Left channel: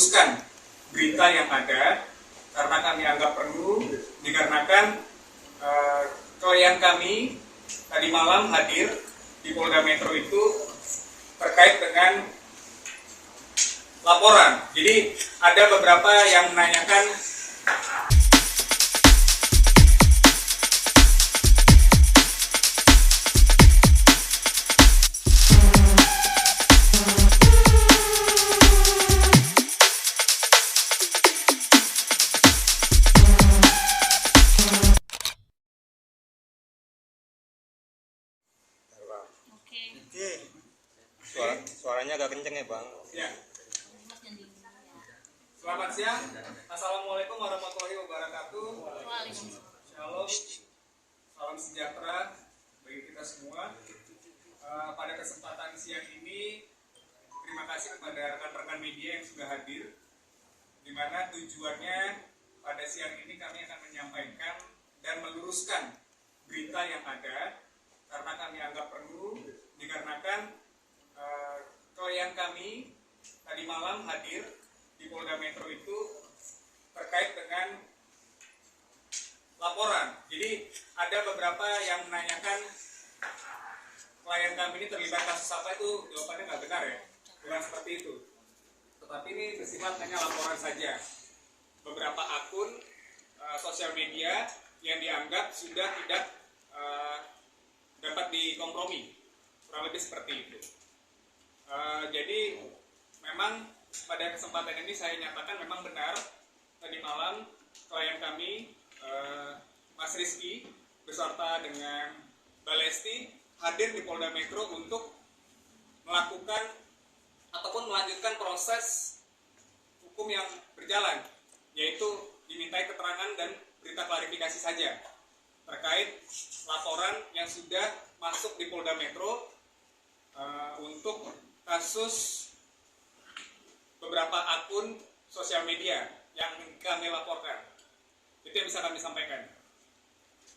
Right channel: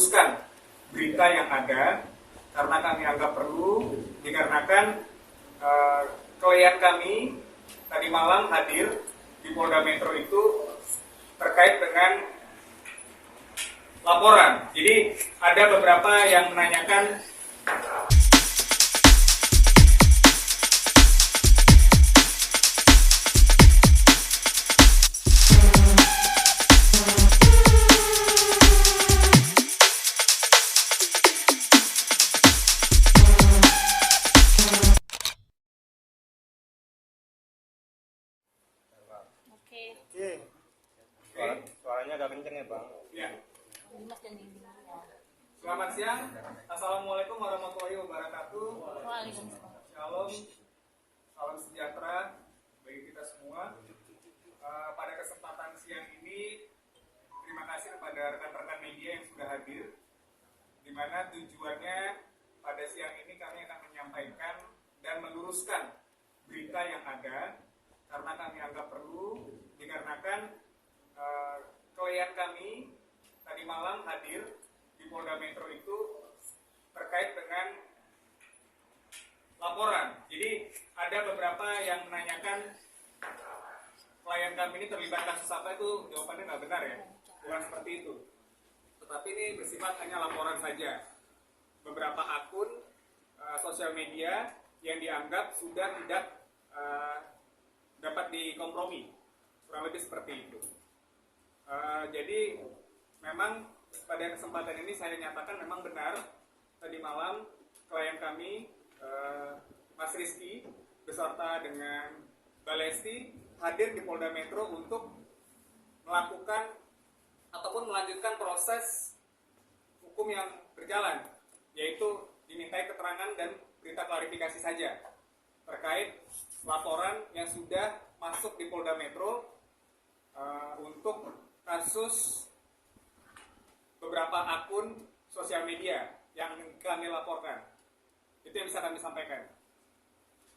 meluruskan berita yang ada karena kami anggap perlu dikarenakan klien kami tadi malam hadir di Polda Metro itu terkait dengan laporan. Jadi ada beberapa yang menanyakan Suaranya agak kenceng ya Bang. ya. Selamat siang. Assalamualaikum warahmatullahi wabarakatuh. Shalom. Salam sejahtera bagi kita semua. Pada kesempatan siang ini, terima kasih kepada rekan-rekan media yang sudah hadir, di mana tujuannya pada siang ini kami akan menyampaikan dan meluruskan berita yang ada karena kami anggap perlu dikarenakan klien kami tadi malam hadir di Polda Metro itu terkait dengan laporan. Jadi ada beberapa yang menanyakan klien kami ini terlibat kasus apa, itu jawabannya nggak benar ya, bukan seperti itu. Tetapi ini bersifat hanya laporan saja. Beberapa akun sosial media yang dianggap sudah tidak dapat dikompromi, kurang lebih seperti itu. Jadi memang pada kesempatan ini saya nyatakan memang benar tadi malam klien kami Mas Rizky beserta dengan Mbak Lesti hadir di Polda Metro untuk melakukan ataupun melanjutkan proses hukum yang berjalan, yaitu dimintai keterangan dan berita klarifikasi saja terkait laporan yang sudah masuk di Polda Metro untuk kasus beberapa akun sosial media yang kami laporkan. Itu yang bisa kami sampaikan.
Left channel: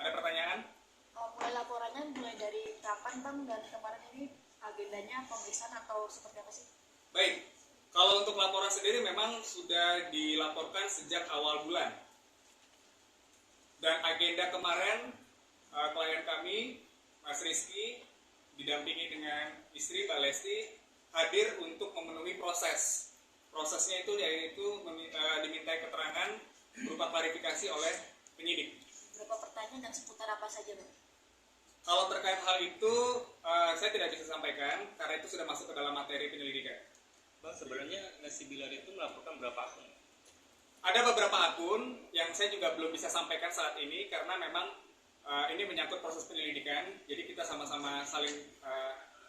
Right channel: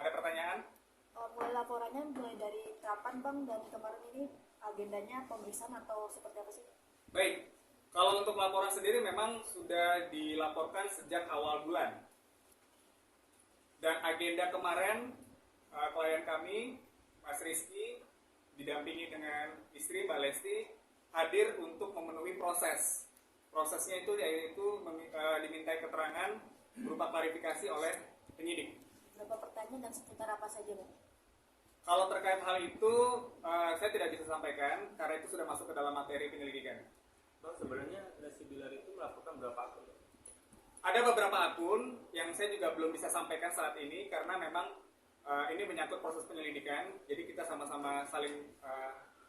Ada pertanyaan? Mulai laporannya mulai dari kapan Bang, dan kemarin ini agendanya pemeriksaan atau seperti apa sih? Baik, kalau untuk laporan sendiri memang sudah dilaporkan sejak awal bulan. Dan agenda kemarin klien kami Mas Rizky didampingi dengan istri Mbak Lesti hadir untuk memenuhi proses. Prosesnya itu yaitu dimintai keterangan berupa klarifikasi oleh penyidik. Berapa pertanyaan dan seputar apa saja Bang? Kalau terkait hal itu saya tidak bisa sampaikan karena itu sudah masuk ke dalam materi penyelidikan. Bang, sebenarnya Lesti Bilar itu melaporkan berapa akun? Ada beberapa akun yang saya juga belum bisa sampaikan saat ini karena memang ini menyangkut proses penyelidikan. Jadi kita sama-sama saling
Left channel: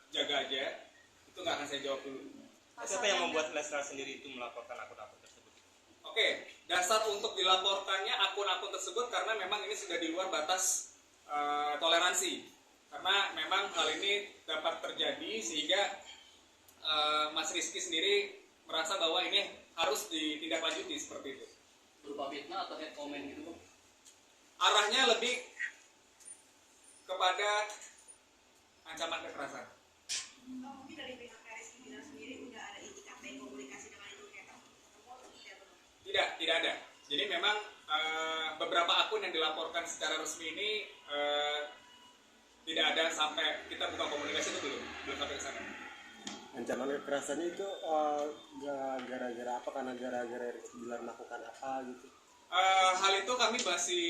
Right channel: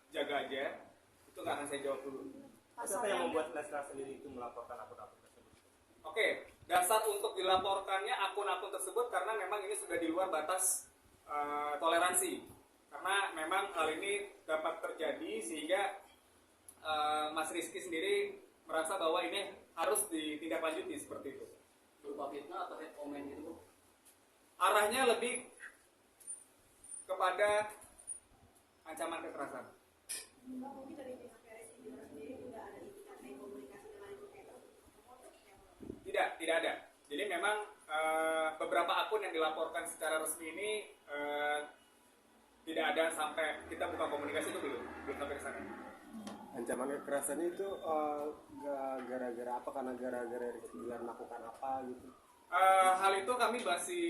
jaga aja. Itu nggak akan saya jawab dulu. Siapa yang membuat Lesti sendiri itu melaporkan akun-akun tersebut? Oke, dasar untuk dilaporkannya akun-akun tersebut karena memang ini sudah di luar batas toleransi. Karena memang hal ini dapat terjadi sehingga Mas Rizky sendiri merasa bahwa ini harus ditindaklanjuti seperti itu. Berupa fitnah atau hate comment gitu? Arahnya lebih kepada ancaman kekerasan. Mungkin dari pihak Rizky Bilar sendiri udah ada indikasi komunikasi dengan itu hater? Tidak ada. Jadi memang beberapa akun yang dilaporkan secara resmi ini tidak ada sampai kita buka komunikasi itu belum sampai ke sana. Ancaman kekerasan itu gara-gara apa? Karena gara-gara Rizky Bilar melakukan apa gitu? Hal itu kami masih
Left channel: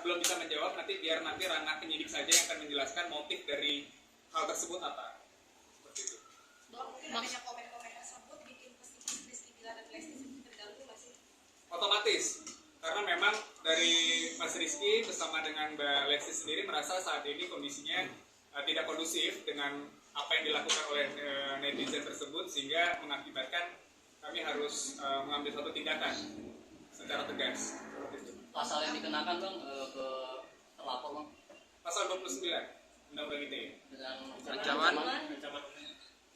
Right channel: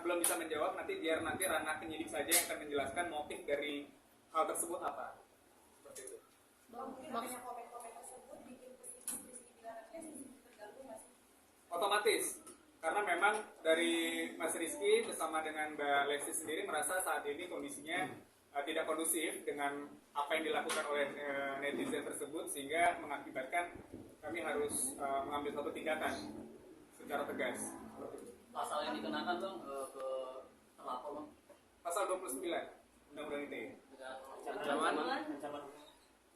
belum bisa menjawab. Nanti biar ranah penyidik saja yang akan menjelaskan motif dari hal tersebut apa. Seperti itu. Mungkin adanya komen-komen tersebut bikin psikis Rizky Bilar dan Lesti terganggu nggak sih? Otomatis, karena memang dari Mas Rizky bersama dengan Mbak Lesti sendiri merasa saat ini kondisinya tidak kondusif dengan apa yang dilakukan oleh netizen tersebut, sehingga mengakibatkan kami harus mengambil satu tindakan secara tegas. Seperti itu. Pasal yang dikenakan Bang ke terlapor Bang? Pasal 29 Undang-Undang ITE Dengan Ancaman?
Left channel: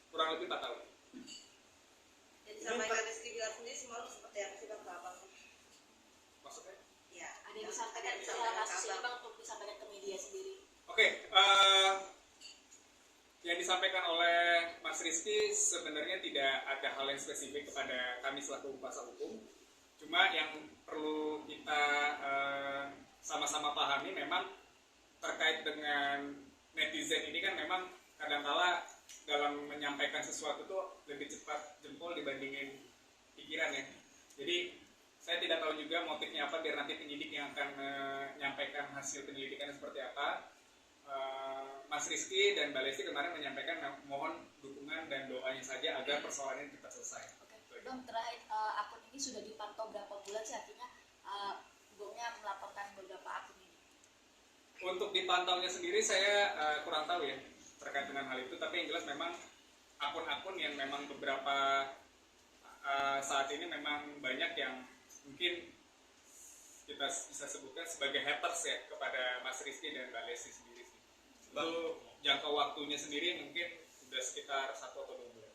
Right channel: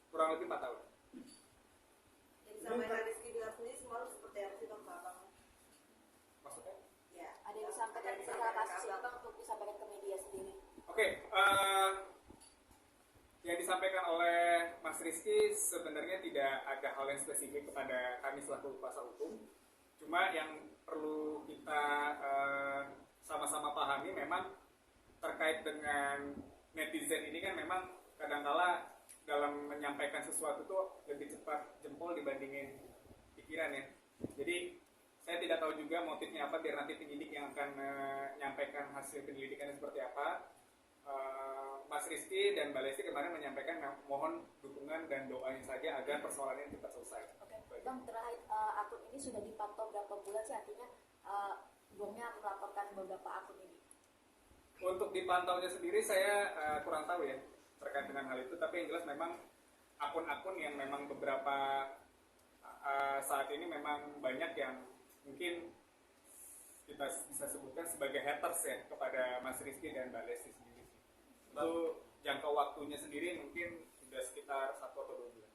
kurang lebih 4 tahun. Jadi disampaikan Rizky Bilar sendiri semalam seperti apa sih Bang ke Abang? Maksudnya? Ya, Ada yang disampaikan secara kasus ini Bang untuk disampaikan ke media sendiri? Oke, yang disampaikan oleh Mas Rizky sebenarnya tidak ada hal yang spesifik kepada kami selaku kuasa hukum. Cuma yang perlu kita sama-sama pahami memang terkait dengan netizen ini kan memang kadangkala dalam menyampaikan sesuatu tuh lebih cepat jempol dibandingin pikiran ya. Jadi saya tidak tahu juga motifnya apa biar nanti penyidik yang akan menyampaikan hasil penyelidikannya seperti apa. Mas Rizky dan Mbak Lesti kemarin menyampaikan mohon dukungan dan doanya saja agar persoalan ini cepat selesai. Oke, Bang, terakhir akun ini sudah dipantau berapa bulan sih? Artinya Bongnya melaporkan beberapa akun ini. Untuk dipantaunya sendiri saya kurang tahu ya terkait dengan hal itu, tapi yang jelas memang akun-akun yang memang beberapa saat ini memang banyak yang mungkin kita bisa sebutkan sebagai haters ya kepada Mas Rizky dan Mbak Lesti sendiri. Itu jangka waktunya sendiri mungkin sudah sekitar 1 atau 2 bulan.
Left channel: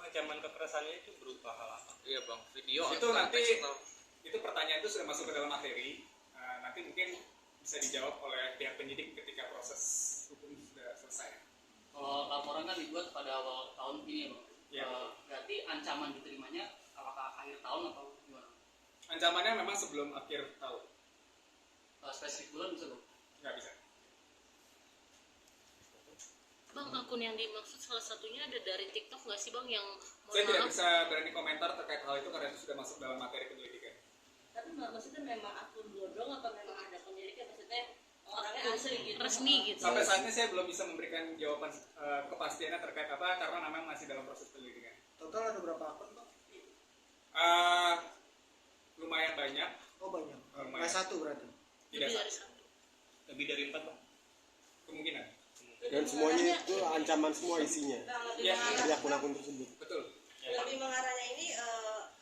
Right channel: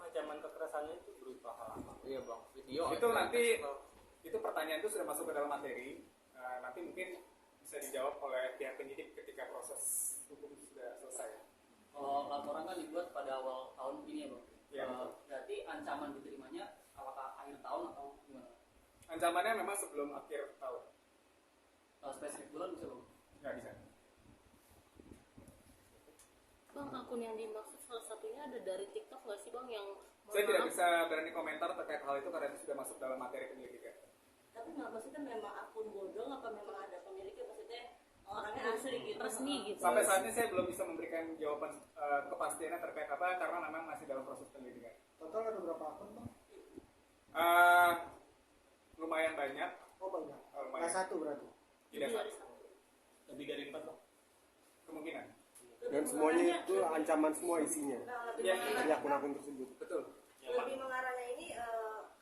Ancaman kekerasannya itu berupa hal apa? Iya bang, video Itu atau nanti teks atau... itu pertanyaan itu sudah masuk ke dalam materi. Nanti mungkin bisa dijawab oleh pihak penyidik ketika proses hukum sudah selesai. Kalau laporan kan dibuat pada awal tahun ini ya bang. Iya. Berarti ancaman diterimanya apakah akhir tahun atau gimana? Ancamannya memang sebelum akhir tahun. Spesifik bulan bisa bang? Nggak bisa. Bang, akun yang dimaksud salah satunya ada dari TikTok nggak sih bang yang Saya tidak bisa berani komentar terkait hal itu karena itu sudah masuk dalam materi penyelidikan. Tapi maksudnya memang akun bodong atau memang ada penyelidik, maksudnya orangnya asli gitu, resmi gitu? Sampai saat ini saya belum bisa memberikan jawaban kepastiannya terkait apa karena memang masih dalam proses penyelidikan. Total ada berapa akun bang? Lumayan banyak. Oh banyak. Lumayan. Nggak satu berarti? Tidak Lebih dari satu. satu. Lebih dari 4 bang? Kemungkinan. Dan semuanya itu ancaman semua isinya Ya, di akun-akun tersebut. betul. Lebih mengarahnya ini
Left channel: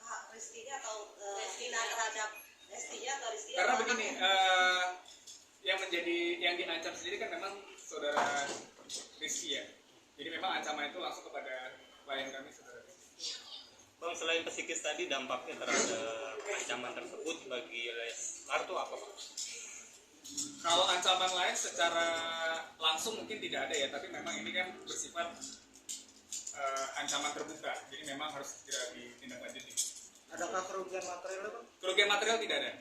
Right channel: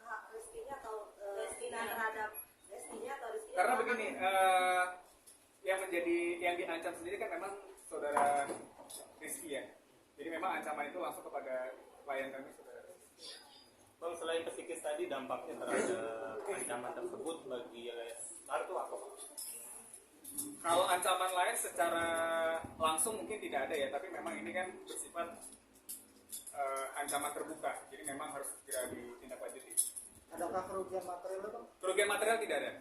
hak Rizky-nya atau hina terhadap Lestinya atau Rizky? Karena begini, yang diancam sendiri kan memang saudara Rizky ya. Jadi memang ancaman itu langsung kepada klien kami saudara Rizky. Bang, selain psikis tadi dampaknya terhadap ancaman tersebut bagi Leslar itu apa bang? Kalau ancaman lain secara langsung mungkin tidak ada ya, tapi memang ini kan bersifat ancaman terbuka, jadi memang harus segera ditindaklanjuti. Adakah kerugian materialnya bang? Kerugian material tidak ada.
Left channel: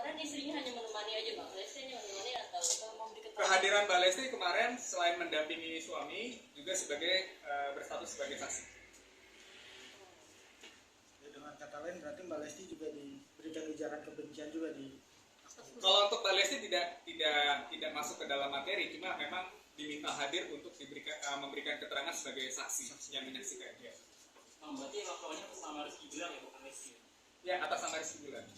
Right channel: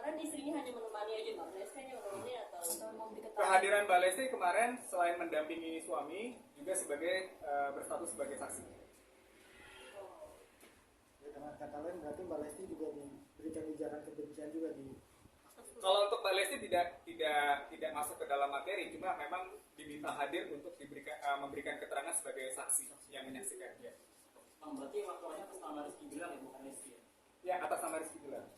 kemarin istrinya hanya menemani aja bang, Lesti hanya menemani atau memberi keterangan? Kehadiran Mbak Lesti kemarin selain mendampingi suami juga sebagai berstatus sebagai saksi. Ya, dengan kata lain berarti Mbak Lesti juga diberikan ujaran kebencian juga di. Kalau untuk Mbak Lesti tidak masuk ke dalam materi, cuma memang diminta hadir untuk memberikan keterangan sebagai saksi yang menyaksikan dia. Berarti laporannya sama Rizky bilang ya, bukan Lesti. Ya, atas nama Rizky Bilar.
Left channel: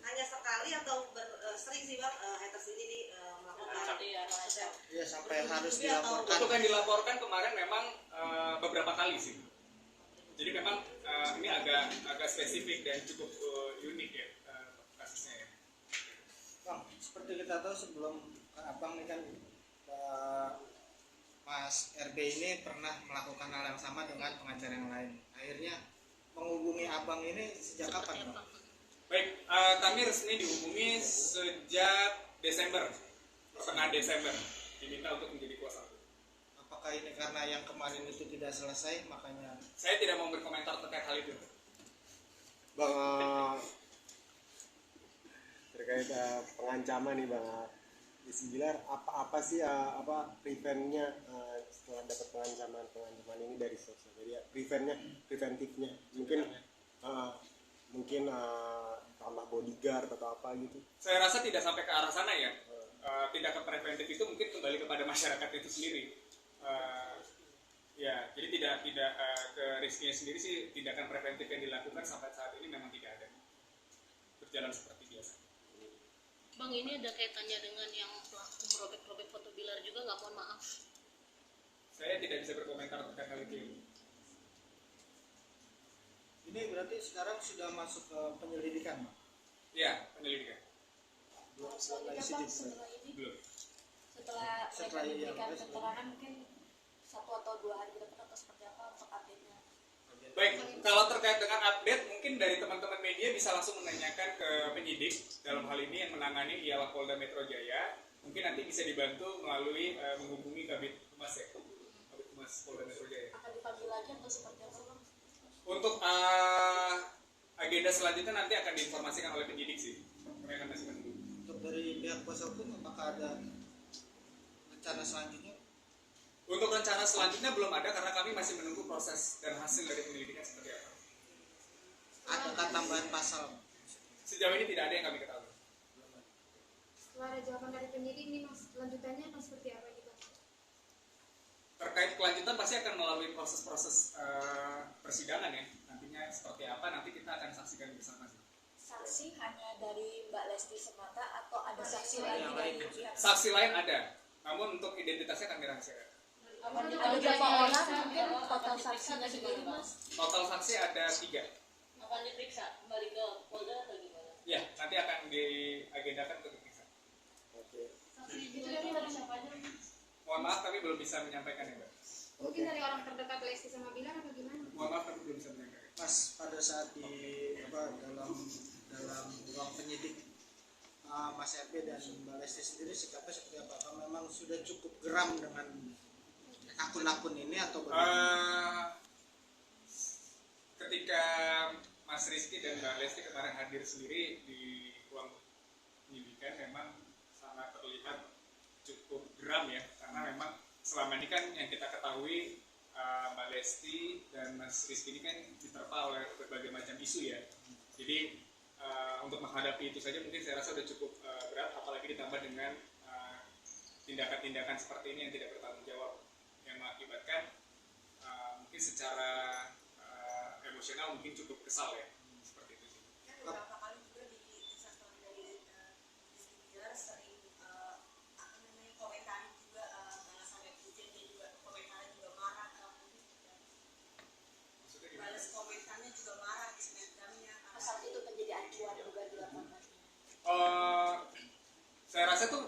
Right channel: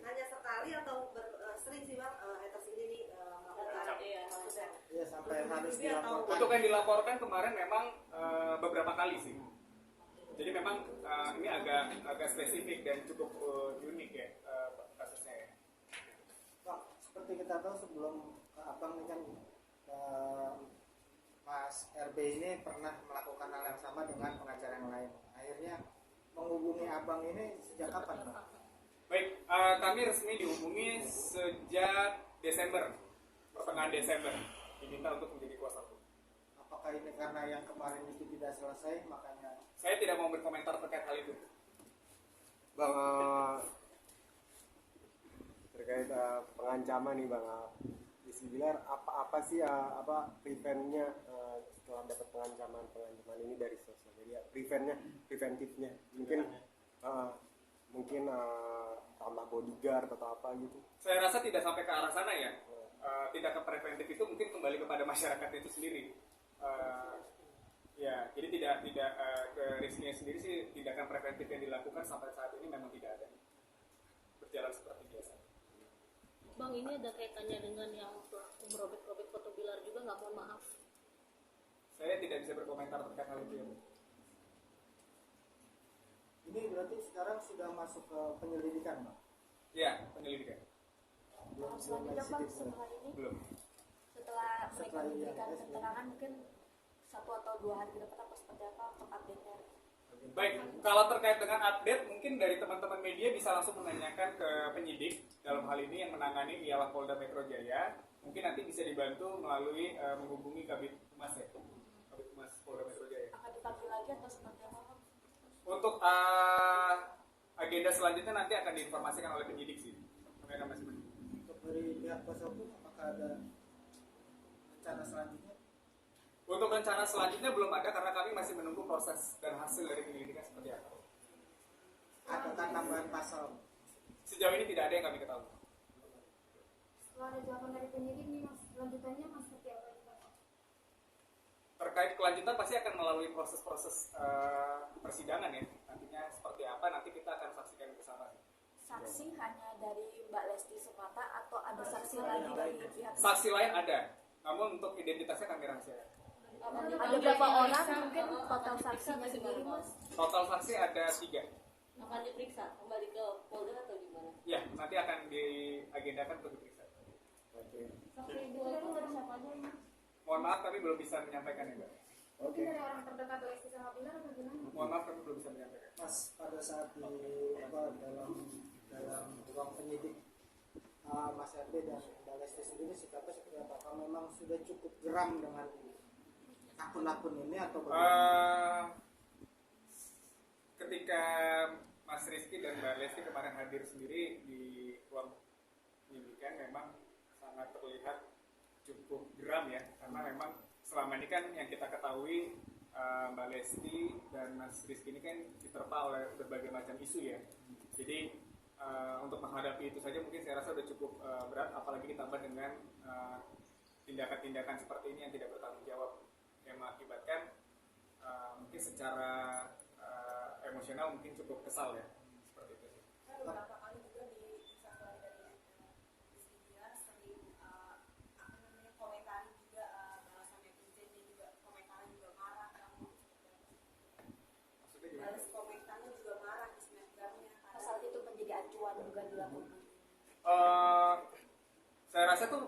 Hanya sekali atau sering sih bang haters ini nih melakukan sudah Iya sampai harus dilaporkan. Untuk yang dilaporkan kemarin memang beberapa kali sih. Jadi memang ini agak spesifik dan cukup unik ya kasusnya ya. Bang, seperti kita tahu sebelum abang ini kan Mas RB ini pernah melakukan hal yang sama dengan pengacara yang lain. Akhirnya menghubungi abang ini sejak kapan bang? Baik, kami resmi dihubungi sejak Desember, pertengahan Desember, diminta untuk menjadi kuasa hukum. Apakah ini karena yang kemarin itu tidak selesai makanya? Saya tidak mau berkomentar terkait hal itu. Bang, terkait pengancaman nih bang, Rizky Bilar apa sih apa preventnya setelah dapat pengancaman ini dari sosial media? Preventifnya mungkin tambah bodyguard atau apa gitu? Saya rasa tidak sampai ke arah sana ya. Tindakan preventif itu mungkin kembali kepada masyarakat itu sendiri. Ya, jadi tidak ke Rizky sendiri sih tindakan preventif yang dilakukan sampai saat ini memang tidak ada. Berjalan seperti biasa. Bang, ini ada kaitannya dengan yang pelaku merobek-robek foto Bilar juga nggak, mohon maaf? Saya tidak bisa berkomentar terkait hal itu. Ini berarti sekarang sudah masuk ke penyelidikan bang? Ya, penyelidikan. Belum Selanjutnya lagi bang, sidik. setelah ini, Belum. setelah ini mereka yang memberikan keterangan mungkin 1 atau 2 hari ke depan atau seperti apa untuk update-nya? Baik, kalau terkait dengan update, mungkin dari teman-teman media bisa langsung menanyakan ke penyidik dalam hal ini yang menangani ialah Polda Metro Jaya. Mungkin nanti bisa dibantu melalui menghubungi Kabid Humas ya, Kabid Humas Polda Metro Jaya. Akan dipanggil lagi atau seperti apa bang? Untuk agenda selanjutnya nanti akan diinformasikan oleh penyidik sih. Kami akan masih menunggu. Untuk dari pihak kuasa hukum apakah ada rencana selanjutnya? Untuk rencana selanjutnya belum ada karena kami masih menunggu proses dan hasil dari penyelidikan seperti apa. Adakah tambahan pasal? Sejauh ini tidak ada yang kami ketahui. Setelah ada jawaban dari penyidik nih mas, lanjutannya mas seperti apa nih bang? Terkait kelanjutan pasti akan melalui proses-proses persidangan ya. Nantinya seperti apa nanti kita akan saksikan bersama. Saksi hanya dari Mbak Lesti semata atau ada saksi lain dari pihak? Saksi lain ada, namun untuk identitasnya kami rahasiakan. Ada berapa orang mungkin total saksinya sendiri mas? Total saksi ada 3. Akan diperiksa kembali ke Polda atau gimana? Ya, nanti akan diagendakan untuk diperiksa. Oke. Saksi itu dari siapa aja mas? Mohon maaf kami belum bisa menyampaikan ya Mbak. Mungkin dari orang terdekat Lesti sama Bilar atau gimana? Mohon maaf kami belum bisa menyampaikan. Mas, pada saat di dalam ruang penyidik Mas RB dan Mbak Lesti sendiri sikapnya seperti apa? Apakah memang sudah cukup geram dengan akun-akun ini atau bagaimana? Ketika Mas Rizky dan Mbak Lesti kemarin hadir sendiri di ruang penyidikan memang sangat terlihat cukup geram ya, karena memang selama ini kan yang kita ketahui Mbak Lesti dan Mas Rizky ini kan diterpa oleh berbagai macam isu ya. Jadi untuk menghadapi itu saja mungkin saya rasa sudah cukup berat, apalagi ditambah dengan tindakan-tindakan seperti ini yang tidak bertanggung jawab, yang mengakibatkan mungkin secara emosional mungkin cukup kesal ya, seperti itu sih. Beberapa kali juga di satuan dari Bilar sering komentari juga balasan netizennya juga komentarnya juga marah Maksudnya gimana? balas komentarnya juga marah di snapgramnya. Saat itu menjadi acuan bukan dilakukan. Saya rasa itu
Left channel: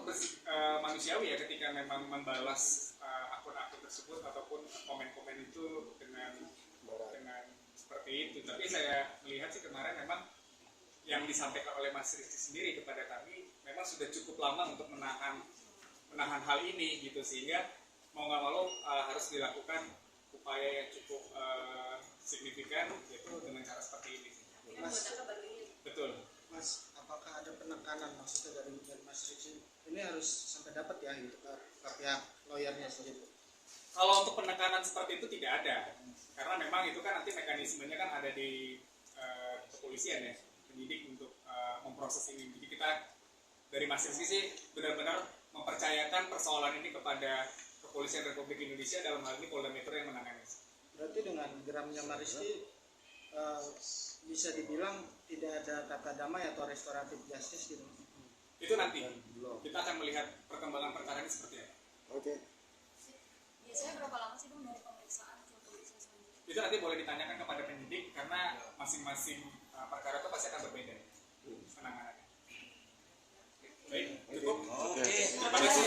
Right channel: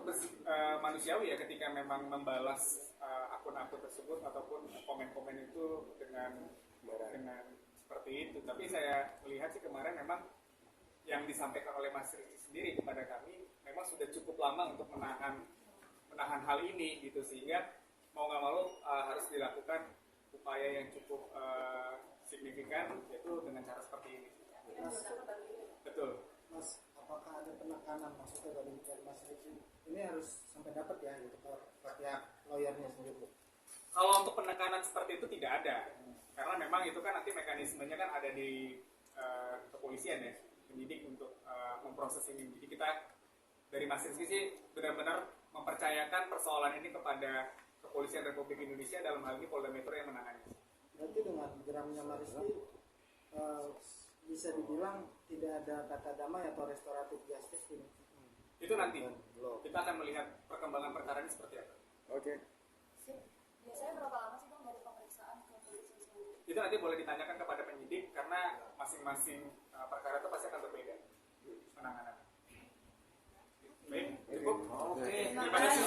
manusiawi ya ketika memang membalas akun-akun tersebut ataupun komen-komen itu dengan seperti itu. Tapi saya melihat sih kemarin memang yang disampaikan oleh Mas Rizky sendiri kepada kami memang sudah cukup lama untuk menahan hal ini gitu, sehingga mau nggak mau harus dilakukan upaya yang cukup signifikan, yaitu dengan cara seperti ini. Mas, Betul. Mas, apakah ada penekanan maksudnya dari Mas Rizky ini harus sampai dapat ya gitu ke pihak lawyernya sendiri? Kalau untuk penekanan seperti itu tidak ada, karena memang itu kan nanti mekanismenya kan ada di kepolisian ya, penyidik untuk memproses ini. Jadi kita dari Mas Rizky sih benar-benar mempercayakan persoalan ini kepada Kepolisian Republik Indonesia, dalam hal ini Polda Metro yang menangani. Berarti dengan geramnya Mas Rizky bisa dibilang tidak ada kata damai atau restoratif justice gitu? Itu nanti kita akan melihat perkembangan perkara ini seperti apa. Oke. Biasanya berapa lama sih bang dari pemeriksaan ke polisi sendiri? Itu nanti boleh ditanyakan kepada penyidik karena masing-masing perkara itu pasti akan berbeda penanganannya. Baik, cukup. Terima kasih.